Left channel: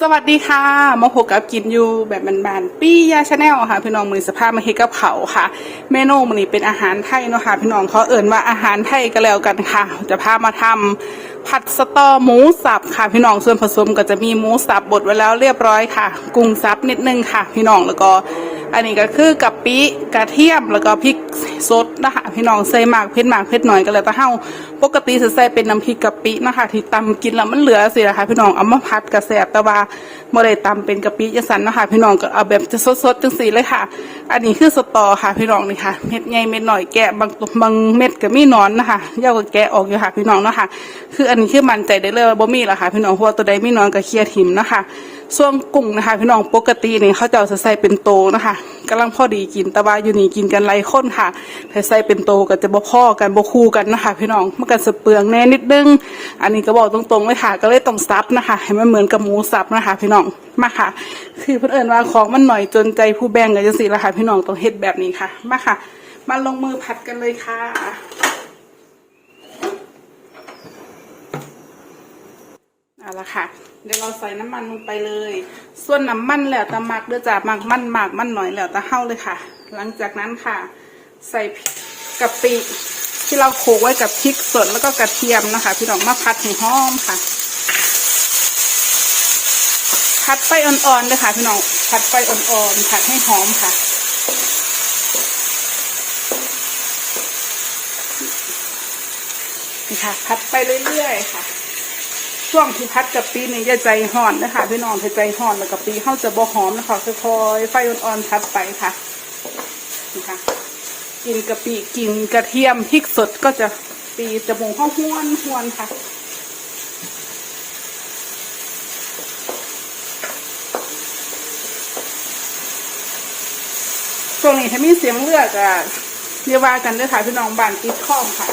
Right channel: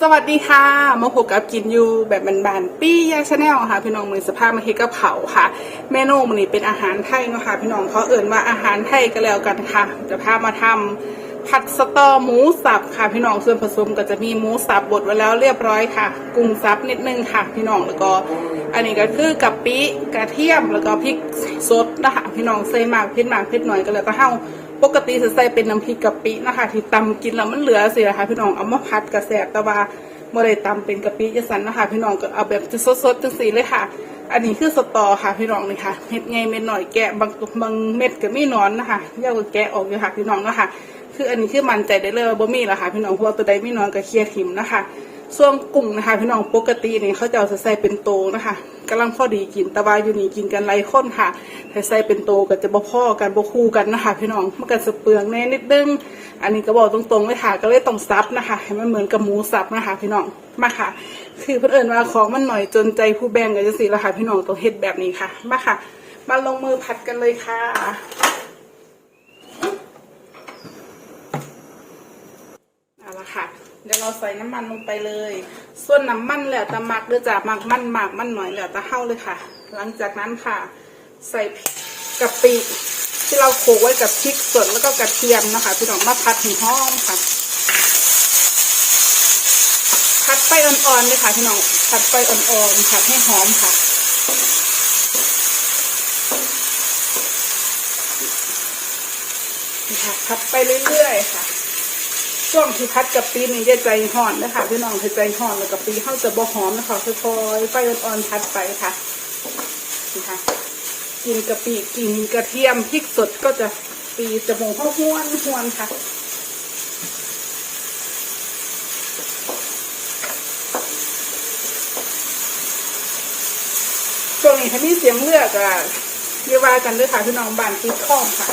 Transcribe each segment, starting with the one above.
สวัสดีค่ะมาพบกับกินอยู่แบบบานๆปี้ยาชาแนลค่ะพี่น้องมือสภาพมาเฮดกะเพราค่ะ เมนูมันนี้เป็นอาหารไทยเนาะค่ะพี่น้องเขาเอิ่นว่าอาหารไทยก็แล้วกันค่ะ จะพามาทำผัดสตอหมูสับค่ะพี่น้องส่วนผสมก็จะมีหมูสับบดไว้แล้วเรียบร้อยค่ะ กุ้งสับนิดนึงค่ะ พี่น้องแล้วก็ อันนี้ก็คือกะปิกระเทียมแล้วก็พริกสดนะคะพี่น้องใส่หมากเผ็ดหมากเผ็ดหน่อยก็แล้วแต่เฮา ปกติจะใส่เป็นน้ำพริกกะปินะคะที่ตำกินแล้วมันเหลือสินะคะพี่น้องเอามาผัดกระแสบแต่ว่าบ่ได้ตำเป็นกะปิยะสันนะคะพี่น้องก็เอาแบบจะสดๆจังสีเลยค่ะ อันนี้คือสตอค่ะพี่น้องนี่ค่ะเม็ดใหญ่เม็ดหน่อยแกะบางบางเม็ดก็มีนอนนะคะเย่าก็แกะออกอยู่ค่ะพี่น้องนะคะคืออันนี้คือมันใจได้เลยบ่มีแล้วค่ะพี่น้องเพราะว่าตัวใดมีนอนก็เคลียร์ถิ่มนะคะ ส่วนกุ้งนะคะพี่น้องปกตินี่เขาจะเอาใส่เป็นโตนะคะกำลังพอดีกินแต่ว่าอยู่นี่กินกันไรข้นค่ะถ้าใส่เป็นโตก็จะบ่พ่อกันบ่คู่กันนะคะ พี่น้องมันก็จะเปลืองแน่นิดนึง อันนี้ก็บอกตรงๆเลยค่ะ ก็เลยต้องซับนะคะ ให้มันเหมือนกับหมูสับนะคะ พี่น้องมาค่ะ คือเพื่นเอิญว่าของมันหน่อยจนใจผู้แบ่งกันจังสิละค่ะ พี่น้องต้องเฮ็ดแบบนี้ค่ะ มาค่ะ มาลงมือผัดกันเลยค่ะ เอาละค่ะ เดี๋ยวเราใส่น้ำมันลงไปเลย ส่วนน้ำมันแล้วแต่มักหรือจะมักมันหมักมันหน่อยแล้วแต่เข้าเลยค่ะ หลังจากนั้นค่ะ ใส่กะปิที่เราโขลกไว้กับพริกสดแล้วก็กระเทียมนะคะพี่น้องมาผัดให้หอมค่ะผัดไฟอ่อนๆนะคะพี่น้องผัดไฟอ่อนๆผัดให้หอมค่ะนี่ค่ะผัดไปเรื่อยๆค่ะ ช่วงที่พัดกะปินี่จใจห่อนนะคะพี่น้องให้ใจห่อนแล้วกะปิเข้าจะบ่หอมนะคะค่อยๆไฟอ่อนๆพัดไปค่ะนี่ค่ะกินกะปิกินกระเทียมพริกสดก็จะตีจมูกเข้าห้วนห้วนค่ะช่วงนี้ถ้ามีเสียงเลือดอะเรียกว่ากันด้วยค่ะพี่น้องบางติดข้องค่ะ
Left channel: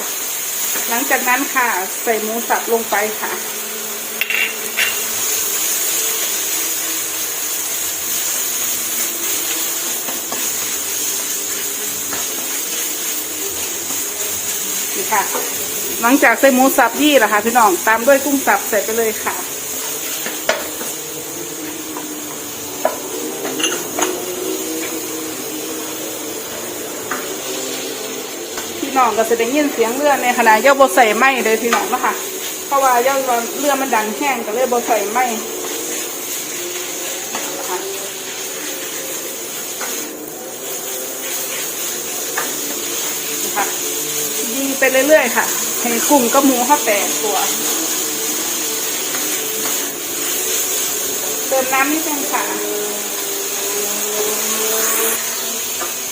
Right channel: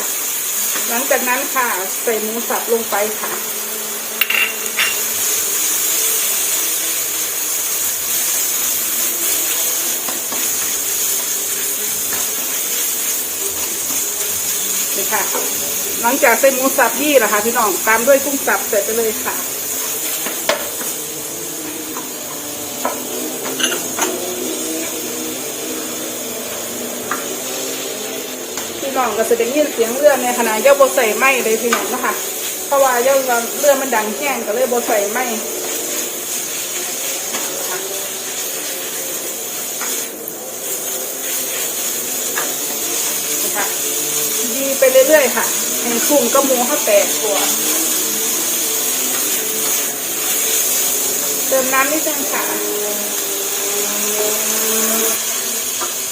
หลังจากนั้นค่ะ ใส่หมูสับลงไปค่ะ ค่ะ หลังจากใส่หมูสับยี่นะคะพี่น้องตามด้วยกุ้งสับเสร็จไปเลยค่ะพี่น้องก็จะได้ยินเสียงเลือดในขณะย่าบใส่ไหมเลยพี่น้องนะคะเพราะว่าย่าเลือดมันดังแห้งก็เลยบใส่ไหมค่ะดี ไปเรื่อยๆค่ะให้กุ้งก็มุงเข้าแตกตัวเติมน้ำนิดนึงค่ะ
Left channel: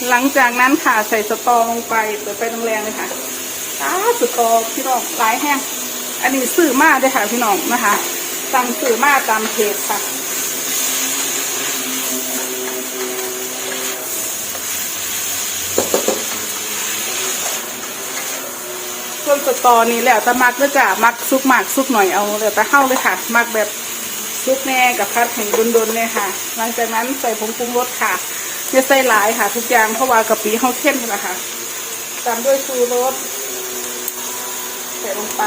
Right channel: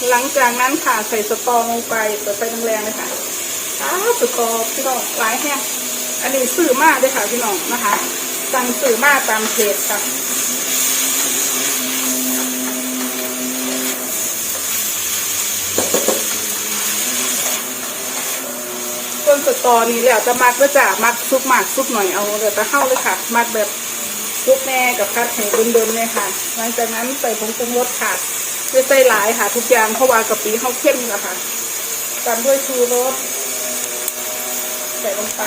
หลังจากนั้นค่ะใส่สตอลงไปเปิดไฟแรงๆเลยค่ะอ้าสตอพี่น้องหลายแห้ง อันนี้สื่อมากเลยค่ะพี่น้องนะคะจำสื่อมากตามเพจค่ะ นสตอนี้แหละจะมักก็จะมักซุกมากซุกหน่อยเอาเลยแต่เข้าเลยค่ะมักแบบซุกแน่กับพัดหมูดุนๆเนี่ยค่ะหลังจากนั้นใส่ผงปรุงรสค่ะไม่ใส่หลายค่ะ ทุกอย่างเพราะว่ากะปิเขาเข้มนะคะตามด้วยชูรสใส่ลงไป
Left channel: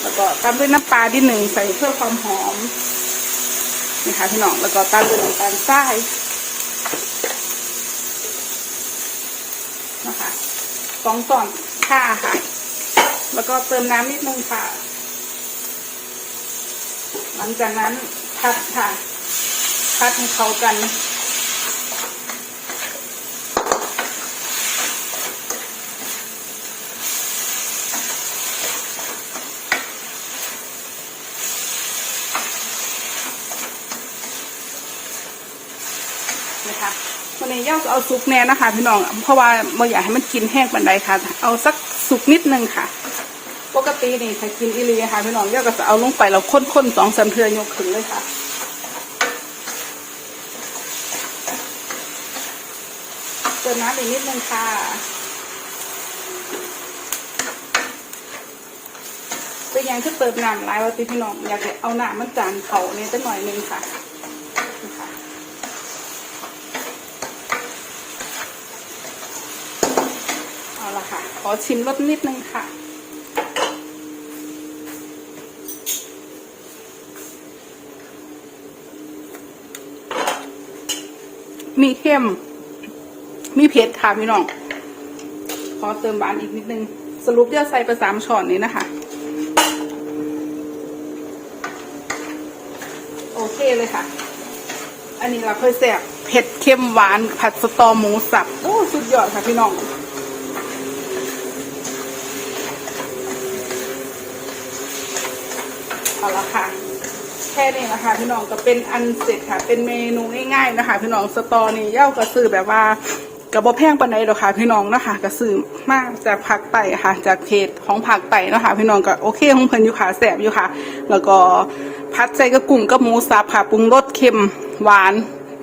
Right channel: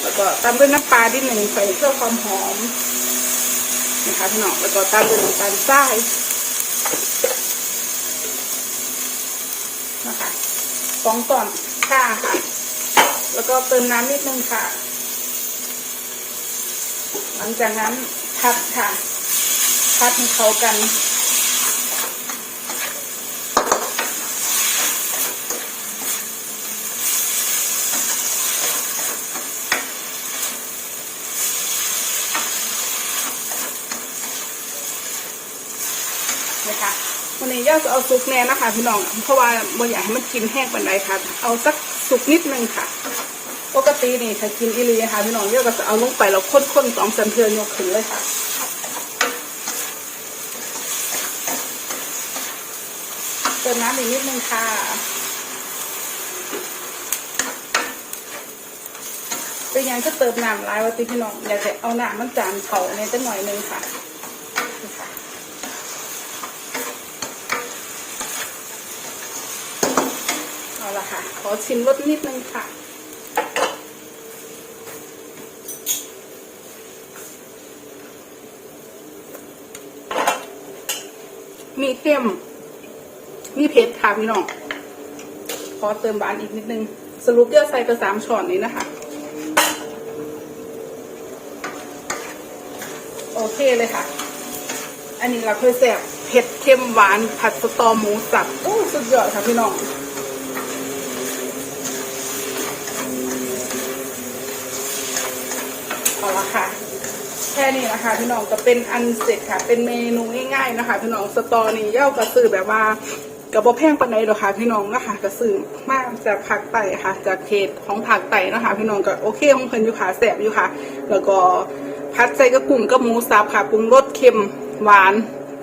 แล้วก็ตามด้วยน้ำปลาที่หนึ่งใส่เพื่อความหอมนะคะพี่น้องแล้วก็ตามด้วยน้ำตาลทรายนะคะสองต่อ ค่ะค่ะ แล้วก็เติมน้ำนิดนึงค่ะ หลังจากนั้นพัดค่ะ พัดให้เข้ากัน นะคะวันนี้ ย่าจะเอาซุปแน่นะคะพี่น้อง เพราะว่าเราอยากให้มันกินแห้งปานใดค่ะ เอาสักสุกนิดนึงค่ะ ปกตินี่ถ้ากินอีหลีค่ะพี่น้องย่าก็จะเอาลงไปแล้วข้นๆสองสามเทือยกขึ้นเลยค่ะเติมน้ำอีกนิดนึงค่ะจะยังจะเติมน้ำลายวันติพี่น้องอยากจะเอาน้ำมันจานเขาเนี่ยจะหน่อยนึงค่ะ ขอชิมรสนิดนึงค่ะ มีเข้มมีเผ็ดค่ะพี่น้อง ขอเติมหวานอีกนิดนึง สรุปเดี๋ยวใส่ไปสามช้อนนี้นะคะ โอเคเลยค่ะ อันนี้เราเคยแสบเผ็ดเข้มหวานผัดสตอหมูสับโอ้สุดยอดค่ะพี่น้อง ค่ะพี่น้องก็เป็นอันเสร็จค่ะ เป็นเมนูง่ายๆนะคะพี่น้องสตอนี่เย่ากระสือแบบว่ากระบอแพงปานใดหรอกค่ะพี่น้องนะคะกระสือมากจากผักไต่ค่ะ จากเพจของผักไต่นะคะพี่น้องก็โอเคของเพิ่นอยู่ค่ะแสบอยู่ค่ะ แล้วก็พัดใส่กระกุ้งกับหมูสับค่ะปรุงรสเค็มหวาน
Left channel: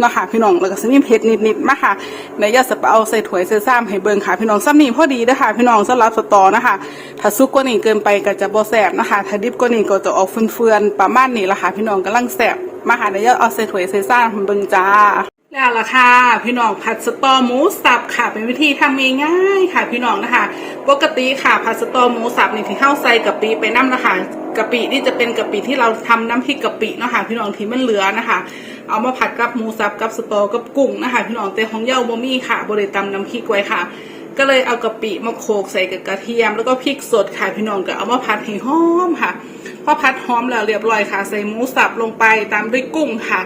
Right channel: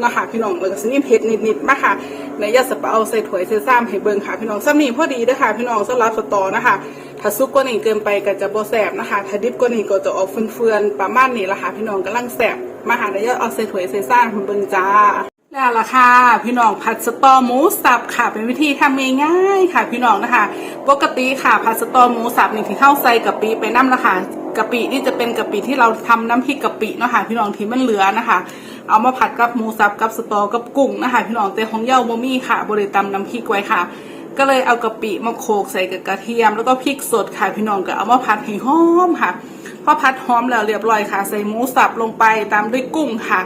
นะคะพี่น้องแล้วก็สนิมเผ็ดนิดๆนะคะในยาสปาเอาใส่ถ้วยใส่ซ้ำให้เบิ่งค่ะ พี่น้องซ้ำนี่พอดีนะคะพี่น้องสำหรับสตอนะคะ ถ้าซุปกว่านี้เกินไปก็จะบ่แสบนะคะถ้าดิบกว่านี้ก็จะออกเฟื่อนๆประมาณนี้ละค่ะพี่น้องกำลังแสบมาหาในยาเอาใส่ถ้วยใส่ซ้ำให้เบิ่งจ้าแล้วล่ะค่ะพี่น้องผัดสตอหมูสับค่ะ เป็นวิธีทำง่ายๆค่ะ พี่น้องนะคะ ปกติค่ะผัดสตอหมูสับนี่ที่เข้าใส่กะปิไปน้ำนะคะกะปินี่จะเป็นกะปิที่เราทำน้ำพริกกะปิเนาะค่ะพี่น้องที่มันเหลือนะคะ เอามาผัดกับหมูสับกับสตอกับกุ้งนะคะ พี่น้องแต่ของเย้าบ่มีค่ะบริตำน้ำพริกไว้ค่ะ ก็เลยเอากะปิมาโขลกใส่กับกระเทียม แล้วก็พริกสดค่ะพี่น้องก็เอามาผัดให้หอมค่ะพอผัดหอมแล้วเรียบร้อยค่ะ ใส่หมูสับลงไปตามด้วยกุ้งค่ะ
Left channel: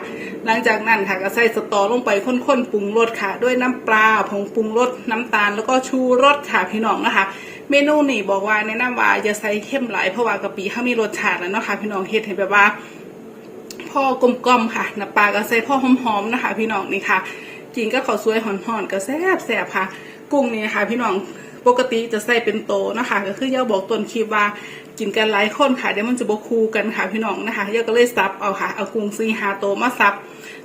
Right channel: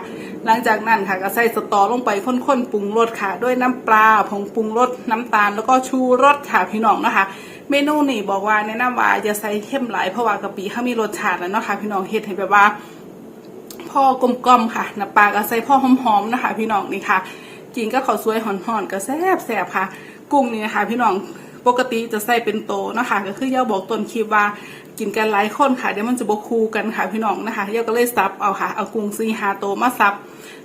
หลังจากนั้นค่ะก็ใส่สตอลงไปข้นๆปรุงรสค่ะ ด้วยน้ำปลาผงปรุงรสน้ำตาล แล้วก็ชูรสค่ะพี่น้องนะคะ เมนูนี่บอกว่าแนะนำว่าอย่าใส่เข้มหลายเพราะว่ากะปิเขามีรสชาติแล้วเนาะค่ะพี่น้องเฮ็ดให้แบบว่าพ่อกลมๆค่ะน้ำปลาก็ใส่พ่อหอมๆนะคะ พี่น้องนี่ค่ะกินก็ข้าวสวยห่อนๆก็แซ่บแซ่บค่ะ กุ้งนี่นะคะพี่น้องปกติจะใส่เป็นโตนะคะก็คือย่าบอกต้นคลิปว่ากินกันหลายคนค่ะเดี๋ยวมันจะบกคูกันค่ะพี่น้องนะคะย่าก็เลยซับเอาค่ะเอากุ้งซีหาโตมาซับ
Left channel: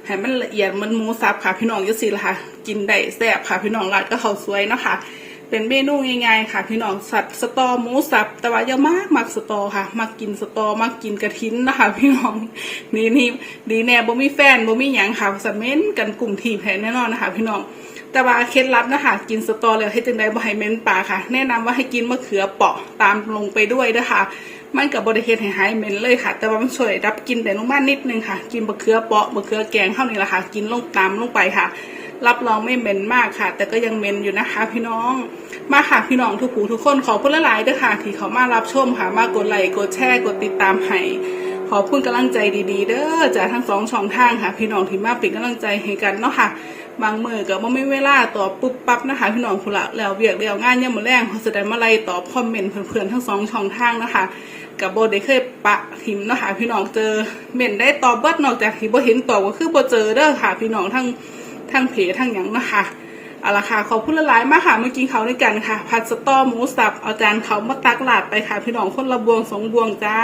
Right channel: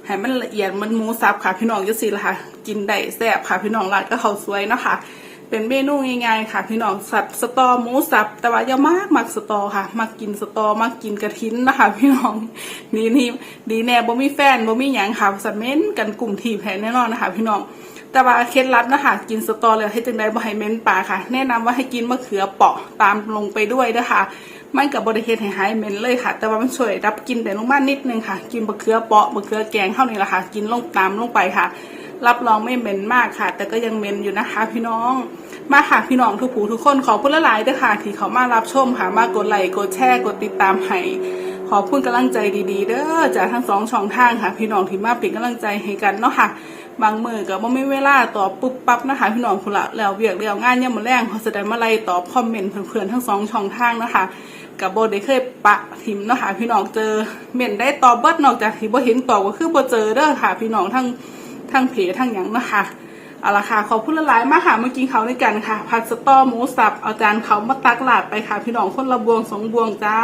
ให้มันละเอียดมันหมูซับค่ะพี่น้องยุสิละค่ะ กินได้แซ่บค่ะพี่น้องราดก็เขาสวยเนาะค่ะเป็นเมนูง่ายๆค่ะ พี่น้องสัตว์สตอหมูสับ แต่ว่าอย่ามากมักสตอค่ะ มักกินสตอมักกินกระทินนะคะ พี่น้องนี่นี่ดีแน่บ่มีแฟนบ่มีหยังค่ะสะเม้นกันกลุ่มทีแพ้แน่นอนนะคะ พี่น้อง แต่ว่าเคล็ดลับนะคะกินสตอแล้วให้จังไดบ่ให้เม้นปลาค่ะ แนะนำว่าให้กินมะเขือเปาะตามลงไปด้วยนะคะมันกับบริเฮ็ดให้หายเม็นเลยค่ะ แต่ว่ามันช่วยรับกินไปลงมานิดนึงค่ะ กินมะเขือเปาะมะเขือแกงเท่านี้แหละค่ะ กินลงตามลงไปค่ะ รับรองไม่เหม็นมากค่ะ แต่ก็ยังเหม็นอยู่นะคะ พี่น้อง มาค่ะพี่น้องทุกผู้ทุกคนขอบคุณหลายๆด้วยค่ะ ที่เขามารับชมค่ะ มากดไลค์กดแชร์กดติดตามให้ขอบคุณกำลังใจดีๆ เด้อจากทั้งสองช่องทางค่ะ พี่น้องที่มาเป็นกำลังใจให้กันเนาะค่ะ บางมือก็บ่ไม่เวลาตอบปุ๊บปั๊บนะคะพี่น้องคุณละแล้วเวียกเดียวงานย่ำมือแรงเขาแสดงมาไล่ตอบคอมเมนต์เพื่อนๆทั้งสองช่องทางนะคะกับโบได้เคยปะทิมนะคะพี่น้องเจอเม่นได้ตอบเบิดนอกจากที่โบเห็นตอบก็คือโบเจอเด้อค่ะ พี่น้องทั้งทั้งเพจทั้งหยังนะคะเอาละค่ะขอบคุณหลายมากค่ะเมื่อกี้เขาด้วยกันค่ะ ผัดสตอหมูสับเอาจานเขามาตักหลาดไปค่ะ พี่น้องคนละบวงสองบวงจ้า